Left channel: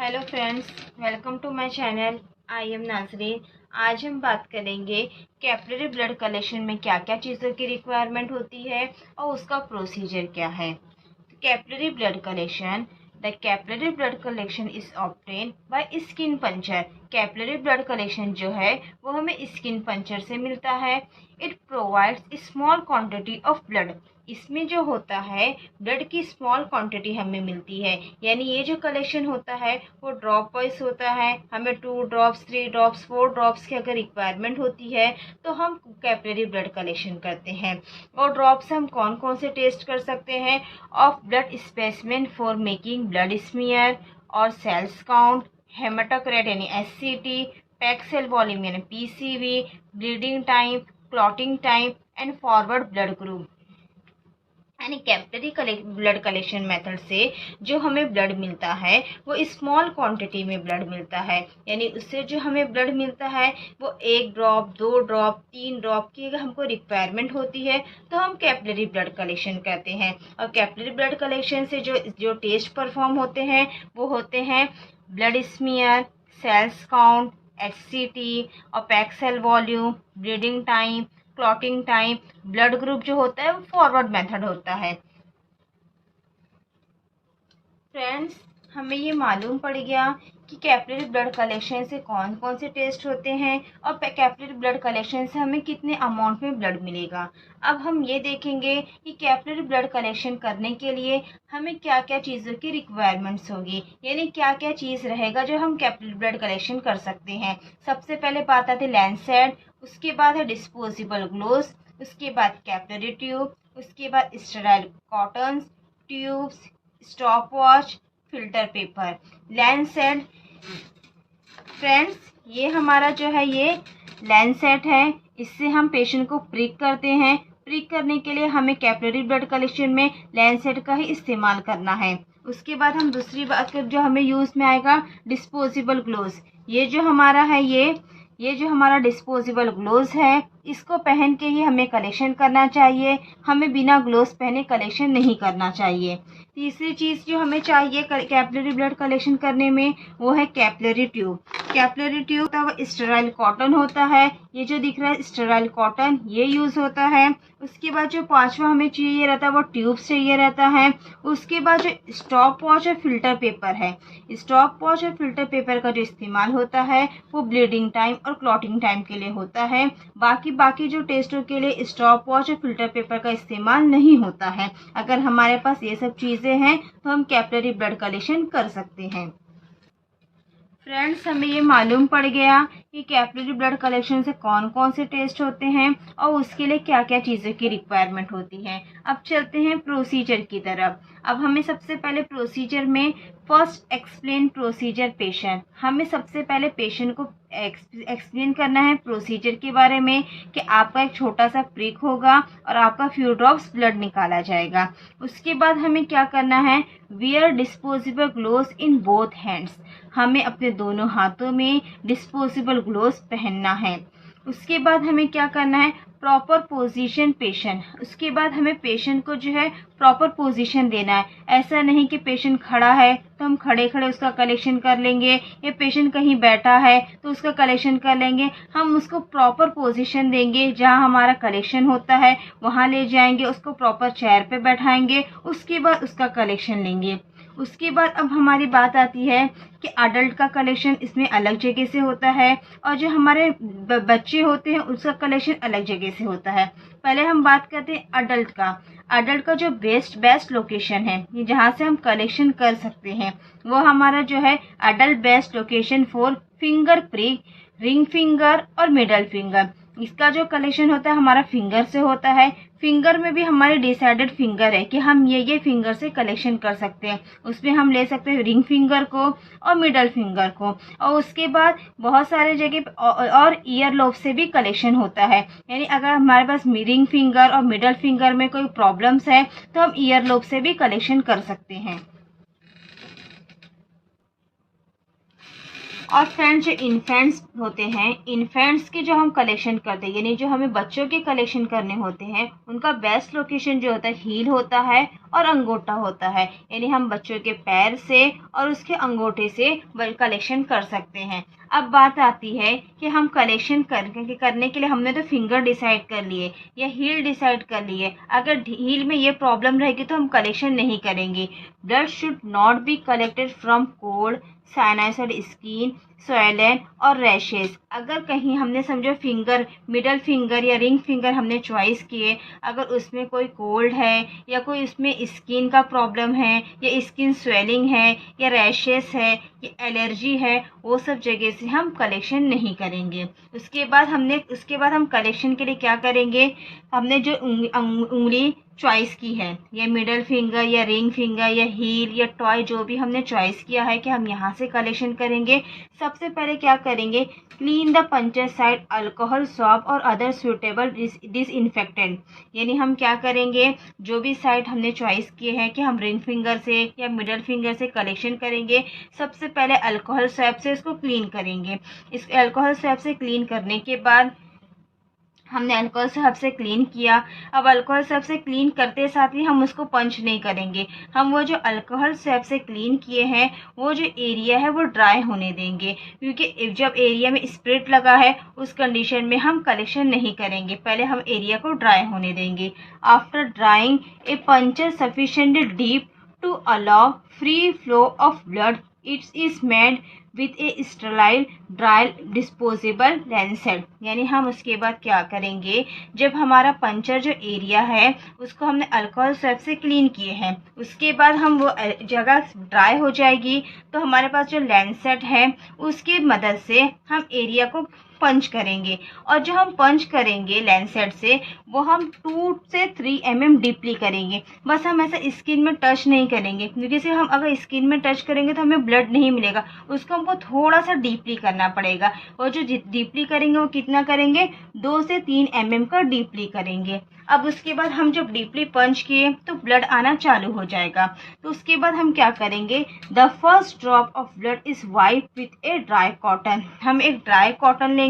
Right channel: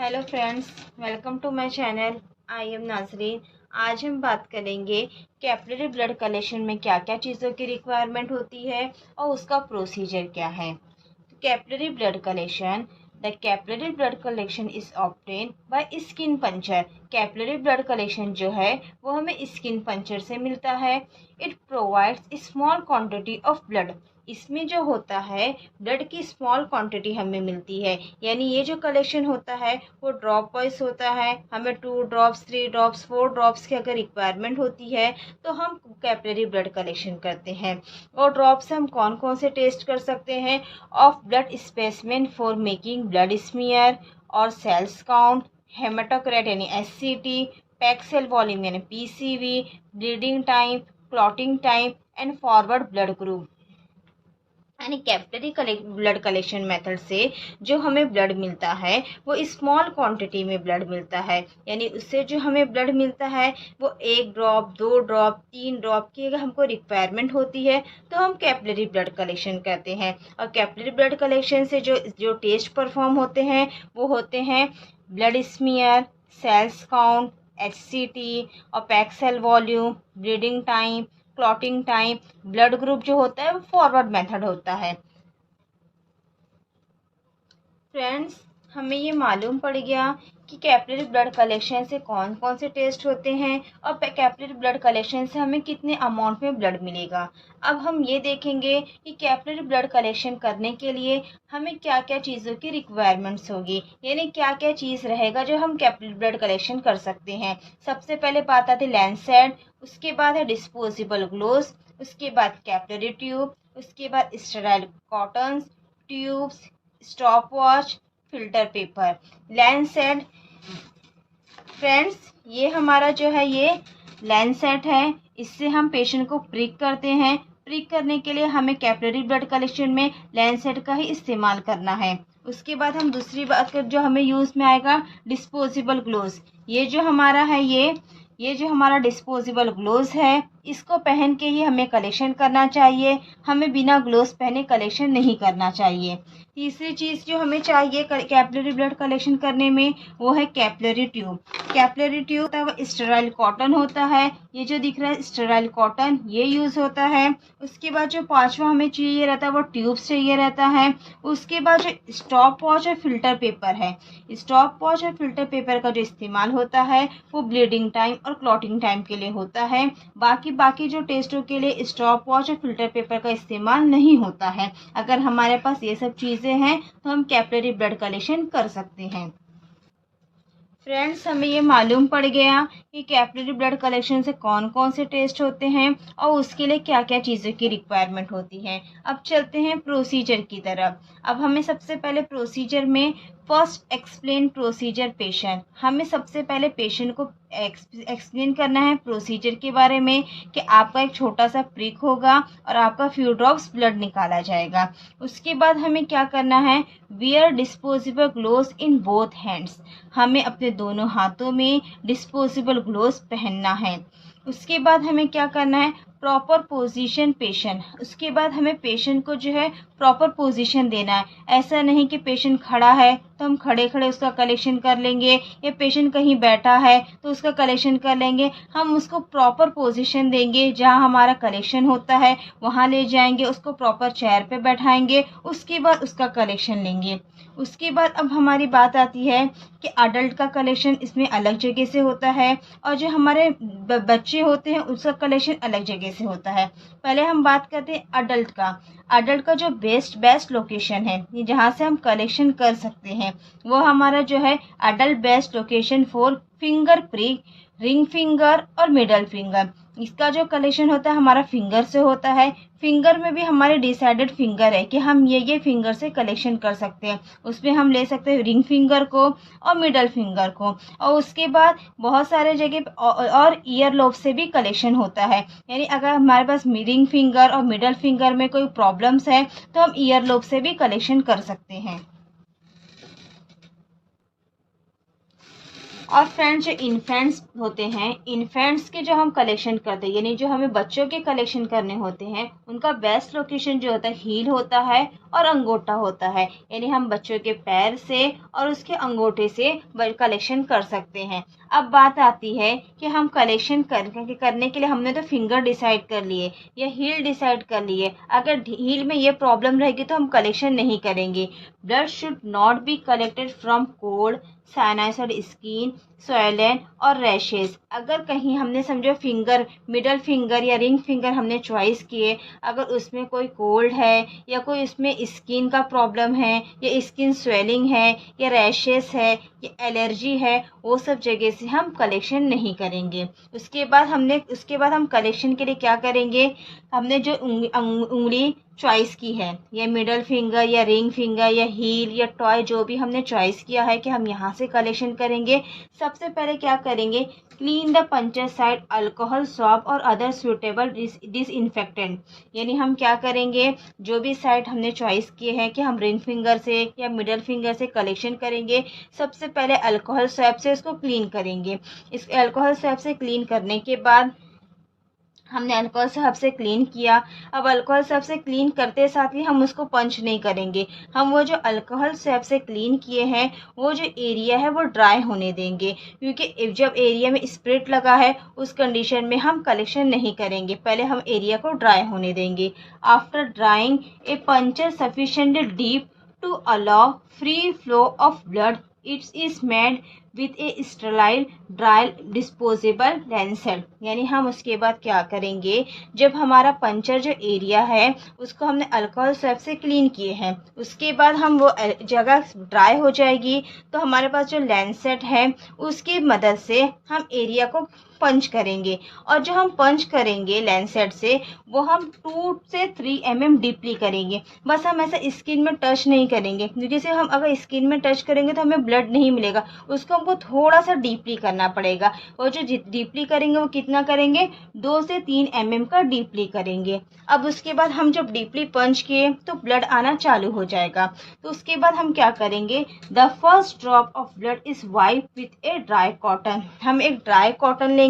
Hello friends, welcome to my channel. I am Nazreen. आज हम बात करेंगे कैपिलरी ब्लड कलेक्शन में क्या क्या चीज़ों की रिक्वायरमेंट होती है और उसका प्रोसीजर क्या है। Capillary blood collection, the capillary blood collection is obtain by skin puncture. Capillary blood collection जो है वो हमें स्किन पंचर से मिलता है। It provides small quantity of blood. इसमें जो होता है ब्लड की स्मॉल क्वांटिटी हमें मिलती है, यानी ये जो कलेक्शन होता है वो ड्रॉप वाइज होता है। हमें 2 ड्रॉप्स, 3 ड्रॉप्स, 4 ड्रॉप्स की अगर रिक्वायरमेंट होती है तो हम कैपिलरी ब्लड कलेक्शन करते हैं। और ड्रॉप्स हम कौन कौन से टेस्ट कर सकते हैं? Of blood specimen for making blood smear और सेल्स काउंट, हेमाटोक्रेट यानी SCT, पैक सेल वॉल्यूम यानी PCV, bleeding time, clotting time and forward blood group. यानी कैपिलरी ब्लड कलेक्शन मेथड से जो हमें ब्लड मिलता है वो स्मॉल क्वांटिटी में ब्लड मिलता है, यानी उससे जो हमें ब्लड मिलता है वो 1 ड्रॉप, 2 ड्रॉप, 3 ड्रॉप की अगर हमको रिक्वायरमेंट होती है तो हम कैपिलरी ब्लड कलेक्शन करते हैं। और कैपिलरी ब्लड कलेक्शन से जो जो टेस्ट परफॉर्म होते हैं वो होते हैं blood smear, cells count, HCT और pack cell volume, bleeding time, clotting time. Blood group जो होता है वो फॉरवर्ड मेथड होता है। फ्रेंड्स, हमें ये मालूम पड़ गया कि कैपिलरी ब्लड कलेक्शन से कौन कौन से टेस्ट होते हैं और कैपिलरी ब्लड कलेक्शन से हमें कितने अमाउंट में ब्लड मिलेगा। अब हम ये देखेंगे कि कैपिलरी ब्लड कलेक्शन करने के लिए हमें क्या क्या चीज़ों की रिक्वायरमेंट्स होगी, यानी क्या क्या चीज़ रहेगा जो हम कैपिलरी ब्लड कलेक्शन कर सकते हैं। सबसे पहले बात आती है लैंसेट, उसके बाद है डिस्पोजेबल ग्लोव्स, उसके बाद कैपिलरी ट्यूब, उसके बाद sterile cottons, tubes, stop watch, filter paper, Lancet. Friends, ये हमारा जो है ये लैंसेट है, इससे हम पेशेंट को प्रिक करते हैं। प्रिक करने के लिए हमें कैपिलरी ब्लड कलेक्शन में लैंसेट का ही इस्तेमाल करना है। उसके बाद हम दूसरी बात कर जो हमें यूज़ में आएगा डिस्पोजेबल ग्लोव्स। ये जो हमारा है ये जो हमारा डिस्पोजेबल ग्लोव्स है इसको पहन के ही हमें कलेक्शन करना चाहिए। हमें बिना ग्लोव्स पहने कलेक्शन नहीं करना चाहिए। तीसरी चीज़ जो हमें चाहिए कैपिलरी ब्लड कलेक्शन करने में वो है कैपिलरी ट्यूब। कैपिलरी ट्यूब तब स्टेराइल कॉटन होता है, ये जो दिख रहा है स्टेराइल कॉटन, ये यूज़ होता है। उसके बाद जो पांचवा हमें चाहिए रहता है वो ट्यूब्स चाहिए रहता है। उसके बाद जो स्टॉप वॉच और फिल्टर पेपर है, स्टॉप वॉच और फिल्टर पेपर का जो इस्तेमाल होता है वो ब्लीडिंग टाइम और क्लॉटिंग टाइम के लिए होता है। बाकी जो टेस्टों के लिए स्टॉप वॉच और फिल्टर पेपर का इस्तेमाल नहीं होता है। अगर हमारे पास ये सब चीज़ें हैं तो हम कैपिलरी ब्लड कलेक्शन कर सकते हैं। फ्रेंड्स, हमें ये मालूम पड़ गया कि कैपिलरी ब्लड कलेक्शन से कौन कौन से टेस्ट होते हैं और उसके लिए क्या क्या चीज़ों की रिक्वायरमेंट होती है। अब चलते हैं प्रोसीजर की तरफ। अब हमें सबसे पहले प्रोसीजर में फर्स्ट एक्सप्लेन प्रोसीजर पेशेंट। हमें सबसे पहले पेशेंट को एक्सप्लेन करना है प्रोसीजर के बारे में कि आपका एक छोटा सा प्रिक होगा और आपका फ्यू ड्रॉप्स ब्लड निकाला जाएगा। उसके बाद हमें क्या करना है, wear disposable gloves in both hands. हमें अपने दोनों हाथों में डिस्पोजेबल ग्लोव्स पहनना है। उसके बाद हमें क्या करना है, प्रॉपर पोजीशन पेशेंट। उसके बाद हमें पेशेंट को जो है प्रॉपर पोजीशन देना है। ऐसा नहीं कि पेशेंट खड़ा है तो हम खड़े खड़े उसका कलेक्शन कर लेंगे, या पेशेंट कहीं बैठा है तो उसका कलेक्शन कर लेंगे। हम उसको प्रॉपर पोजीशन देंगे, जहां हमारा कलेक्शन होता है वहां ले जाएंगे, उसको प्रॉपर चेयर पे बैठाएंगे, उसके बाद उसका कलेक्शन लेंगे। उसके बाद अब हमारी बात आती है कि अडल्ट का कलेक्शन इसमें अलग जगह से होता है और जो हमारे बच्चे होते हैं उसका कलेक्शन अलग जगह से होता है। पहले हम बात करते हैं अडल्ट का। अडल्ट का जो बेस्ट लोकेशन है, ये जहाँ से हम कलेक्शन कर सकते हैं, वो हमारा जो है adult best location for finger prick, ring finger और मिडल फिंगर। इसका जो कलेक्शन होता है हमारा फिंगर से होता है। फिंगर में भी हमारे डिसाइडेड फिंगर है कि हम ये फिंगर से कलेक्शन कर सकते हैं। उसमें हम ले सकते हैं रिंग फिंगर को और मिडल फिंगर को। और उसके बाद बहुत सारे जगह और ईयर लोब से भी कलेक्शन होता है, यानी अगर हमारे पास रिंग फिंगर और मिडल फिंगर में कोई प्रॉब्लम्स है तो हम ईयर लोब से भी कलेक्शन कर सकते हैं। और फ्रेंड्स, जो इन्फेंट्स होते हैं, इन्फेंट्स के जो हम कलेक्शन करते हैं, यानी जो हमें बच्चों के कलेक्शन करने होते हैं, उनका बेस्ट लोकेशन जो होता है हील होता है और अंगूठा होता है। यानी हम बच्चों के पैर से और उसके अंगूठे से कलेक्शन कर सकते हैं। अब बात आती है कि हम कलेक्शन करने के लिए हमने तो फिंगर डिसाइड कर लिए या हील डिसाइड कर लिए। अगर हील में ये प्रॉब्लम रहेगी तो हम कलेक्शन नहीं करेंगे। Blood should not be collected from cold, साइनसाइड, स्किन, स्वैलन और रैशेस। अगर कहीं हमने समझो फिंगर, मिडल फिंगर या रिंग फिंगर हमने चॉइस किए, अगर उसमें कोई कोल्ड है या कोई उसमें स्किन का प्रॉब्लम है या स्किन स्वेलिंग है या रैशेस है या एलर्जी है, वो सब जगह से हम कलेक्शन नहीं करेंगे। उसके बाद हम कलेक्शन के लिए क्या करेंगे, हमने जो उंगली चॉइस की है, या मिडल फिंगर या रिंग फिंगर या हील या टॉय, जो भी हमने चॉइस किया है कि हम यहाँ से कलेक्शन करेंगे, सबसे पहले क्या करेंगे, clean the puncture side, alcohol swab और अदर सुटेबल डिसइंफेक्टेंट। यानी हम क्या करेंगे, जो भी साइड हमने चॉइस किए हैं कि हम रिंग फिंगर से या मिडल फिंगर से कलेक्शन करेंगे, सबसे पहले अल्कोहल स्वैब से उसको क्लीन करेंगे। इस अल्कोहल स्वैब से क्लीन करने के बाद हमने अल्कोहल साहब से क्लीन किया। अब अल्कोहल साहब से क्लीन करते साथ ही हम उसको पंच नहीं करेंगे, हम वो जो अल्कोहल साहब से क्लीन किए हैं वो जो एरिया है वो ड्राई होने देंगे, क्योंकि जब एरिया में स्प्रिट लगा है उस कंडीशन में हम कलेक्शन नहीं करेंगे, पहले हम एरिया को ड्राई होने देंगे। After drawing a puncture sufficiently deep to allow free flow of blood, it's is made with a sterile dry disposable lancet. यानी हम उसके बाद क्या करेंगे, जब हमारा पंचर जो एरिया है उसको हमने अल्कोहल स्वैब से क्लीन किए हैं, उसके बाद हम वो जगह ड्राई हो जाएगी तो हमारे पास जो लैंसेट है उसकी मदद से हम एरिया को पंच करेंगे। और जो हम पंच करेंगे लैंसेट से, वो हम 2 से 3 mm डीपली करेंगे। बस हम ऐसा स्किन में टच नहीं करेंगे, क्योंकि से हम अगर स्किन में टच करेंगे तो हमें ब्लड नहीं मिलेगा, उसको हमको थोड़ा सा डीपली करना पड़ेगा। और जो डीपली करेंगे वो कितना करेंगे, 2 से 3 mm का डीपली करेंगे। अब उसके बाद हम जब डीपली पंच किए तो ब्लड आना चालू हो जाएगा। तो उसके बाद हम क्या करेंगे, the first drop of blood is wipe with a dry cotton. हम एक ड्राई कॉटन लेंगे,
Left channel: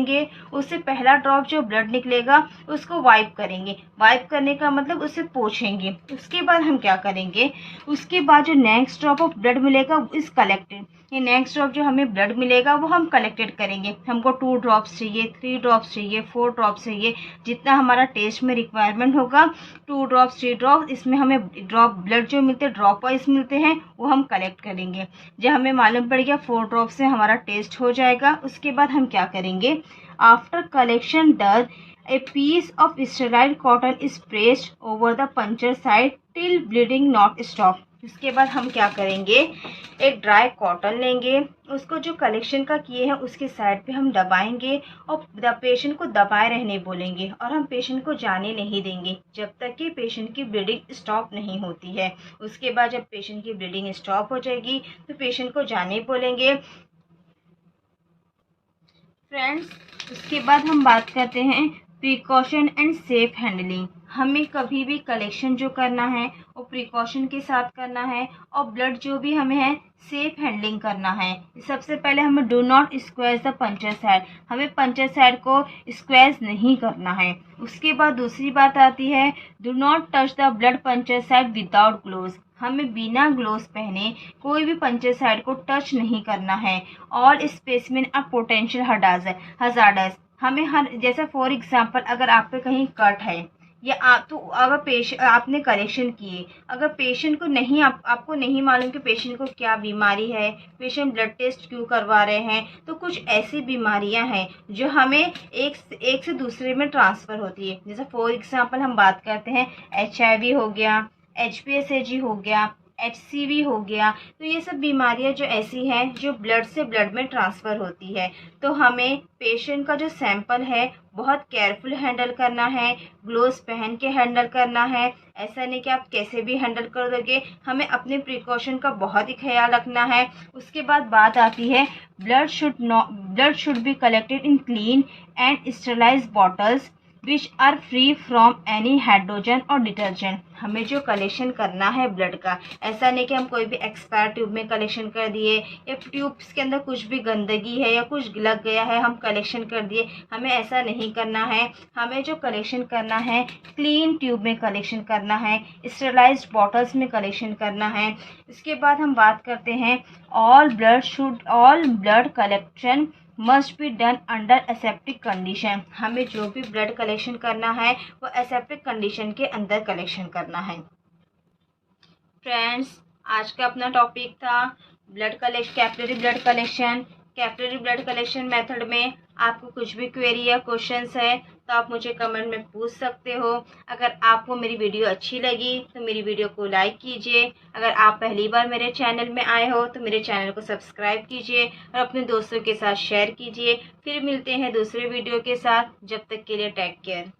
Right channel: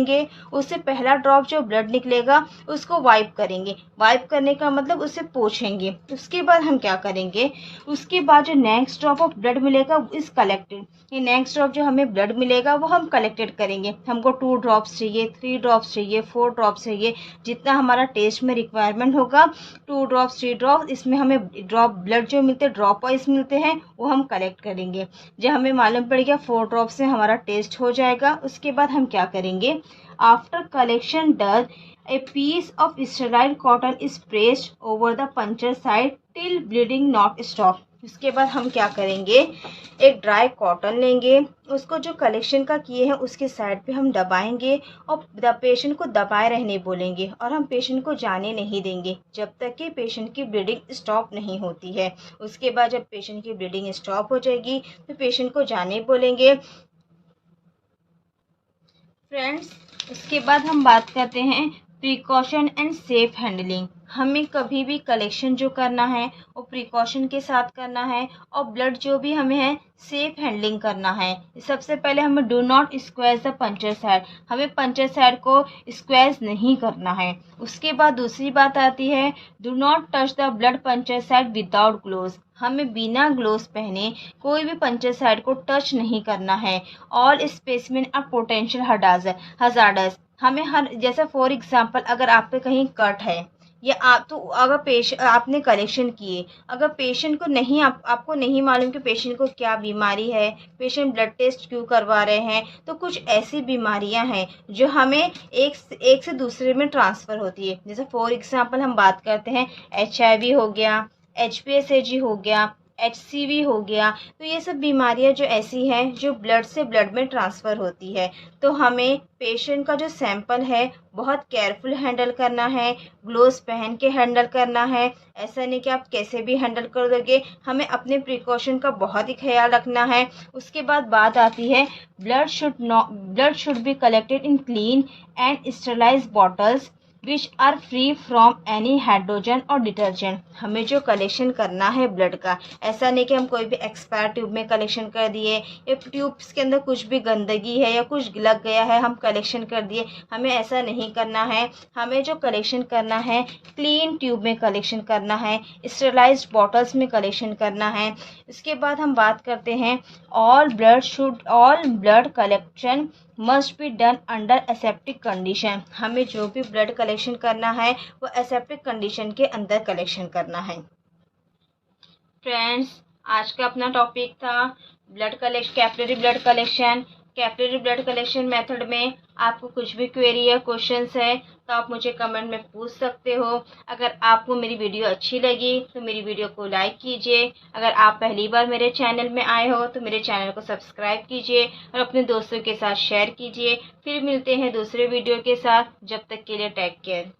उससे पहला ड्रॉप जो ब्लड निकलेगा उसको वाइप करेंगे। वाइप करने का मतलब उसे पोंछेंगे। उसके बाद हम क्या करेंगे, उसके बाद जो नेक्स्ट ड्रॉप ऑफ ब्लड मिलेगा इज कलेक्टेड। ये नेक्स्ट ड्रॉप जो हमें ब्लड मिलेगा वो हम कलेक्टेड करेंगे। हमको 2 ड्रॉप्स चाहिए, 3 ड्रॉप्स चाहिए, 4 ड्रॉप्स चाहिए, जितना हमारा टेस्ट में रिक्वायरमेंट होगा, 2 ड्रॉप्स 3 ड्रॉप्स, इसमें हमें ड्रॉप ब्लड जो मिलते हैं ड्रॉप वाइज मिलते हैं वो हम कलेक्ट करेंगे। जब हमें मालूम पड़ गया 4 ड्रॉप से हमारा टेस्ट हो जाएगा, उसके बाद हम क्या करेंगे, after collection done a piece of sterile cotton is placed over the puncture side till bleeding not stop। उसके बाद हम क्या करेंगे, एक ड्राई कॉटन लेंगे, उसको जो कलेक्शन का किए हैं उसके साइड पे हम दबाएंगे और पेशेंट को दबाए रहने बोलेंगे, और हम पेशेंट को जाने नहीं देंगे जब तक कि पेशेंट की ब्लीडिंग स्टॉप नहीं होती है। उसके बाद जब पेशेंट की ब्लीडिंग स्टॉप हो जाएगी तो पेशेंट को जाने बोलेंगे। फ्रेंड्स, उसके बाद हम बात करते हैं प्रिकॉशन एंड सेफ हैंडलिंग। हमें कभी भी कलेक्शन जो करना है वो प्रिकॉशन के साथ करना है, और ब्लड जो भी हमें है सेफ हैंडलिंग करना है। सबसे पहले हमें do not squeeze the puncture side, हमें पंचर साइड को स्क्वेज नहीं करना है। उसके बाद दूसरी बात आती है, do not touch the blood puncture side without gloves, हमें बिना ग्लोव्स पहने कोई भी पंचर साइड को टच नहीं करना है। All specimen are potential hazardous, हमें हर, जैसे फॉर एग्जांपल अगर आप पे कहीं कट है या आप तो अगर आपने कलेक्शन किए, अगर पेशेंट को नहीं आपको नहीं मालूम कि पेशेंट को क्या बीमारी है, पेशेंट ब्लड टेस्ट क्यों करवा रहे हैं, तो कुछ ऐसी बीमारियां हैं जो हमें एक से दूसरे में ट्रांसफ़र होती है। जैसे फॉर एग्जांपल हम बात करते हैं HIV हो गया, HPSAG हो गया, HCV हो गया, तो ये सब बीमारियां जो ऐसी हैं जो ब्लड से ब्लड में ट्रांसफ़र होती है। तो हमें पेशेंट का जो सैंपल है बहुत केयरफुल हैंडल करना है, ग्लोव्स पहन के हैंडल करना है। ऐसा नहीं कि आप कैसे भी हैंडल कर दोगे, हमें अपने प्रिकॉशन का बहुत ही ख्याल रखना है। उसके बाद बात आती है blood should be collected in clean and sterilised bottles which are free from any hydrogen और डिटर्जेंट। हमें जो कलेक्शन करना है ब्लड का, ऐसा नहीं कि हम कोई भी एक्सपायर ट्यूब में कलेक्शन कर दिए या ट्यूब्स के अंदर कुछ भी गंदगी है या कुछ लग गया है हम कलेक्शन कर दिए, हमें ऐसा नहीं करना है। हमें जो कलेक्शन करना है क्लीन ट्यूब में कलेक्शन करना है, स्टेरलाइज्ड बॉटल्स में कलेक्शन करना है। इसके बाद हम बात करते हैं all blood collection must be done under aseptic condition. हमें जो भी ब्लड कलेक्शन करना है वो एसेप्टिक कंडीशन के अंदर कलेक्शन करना है। फ्रेंड्स, आज का अपना टॉपिक था capillary blood collection. Capillary blood collection method में आपको कुछ भी क्वेरी या क्वेश्चंस है तो आप मुझे कमेंट में पूछ सकते हो। अगर आपको मेरी वीडियो अच्छी लगी तो मेरी वीडियो को लाइक कीजिए। अगर आप पहली बार मेरे चैनल में आए हो तो मेरे चैनल को सब्सक्राइब कीजिए और अपने दोस्तों के साथ शेयर कीजिए। फिर मिलते हैं दूसरे वीडियो के साथ। जब तक के लिए टेक केयर।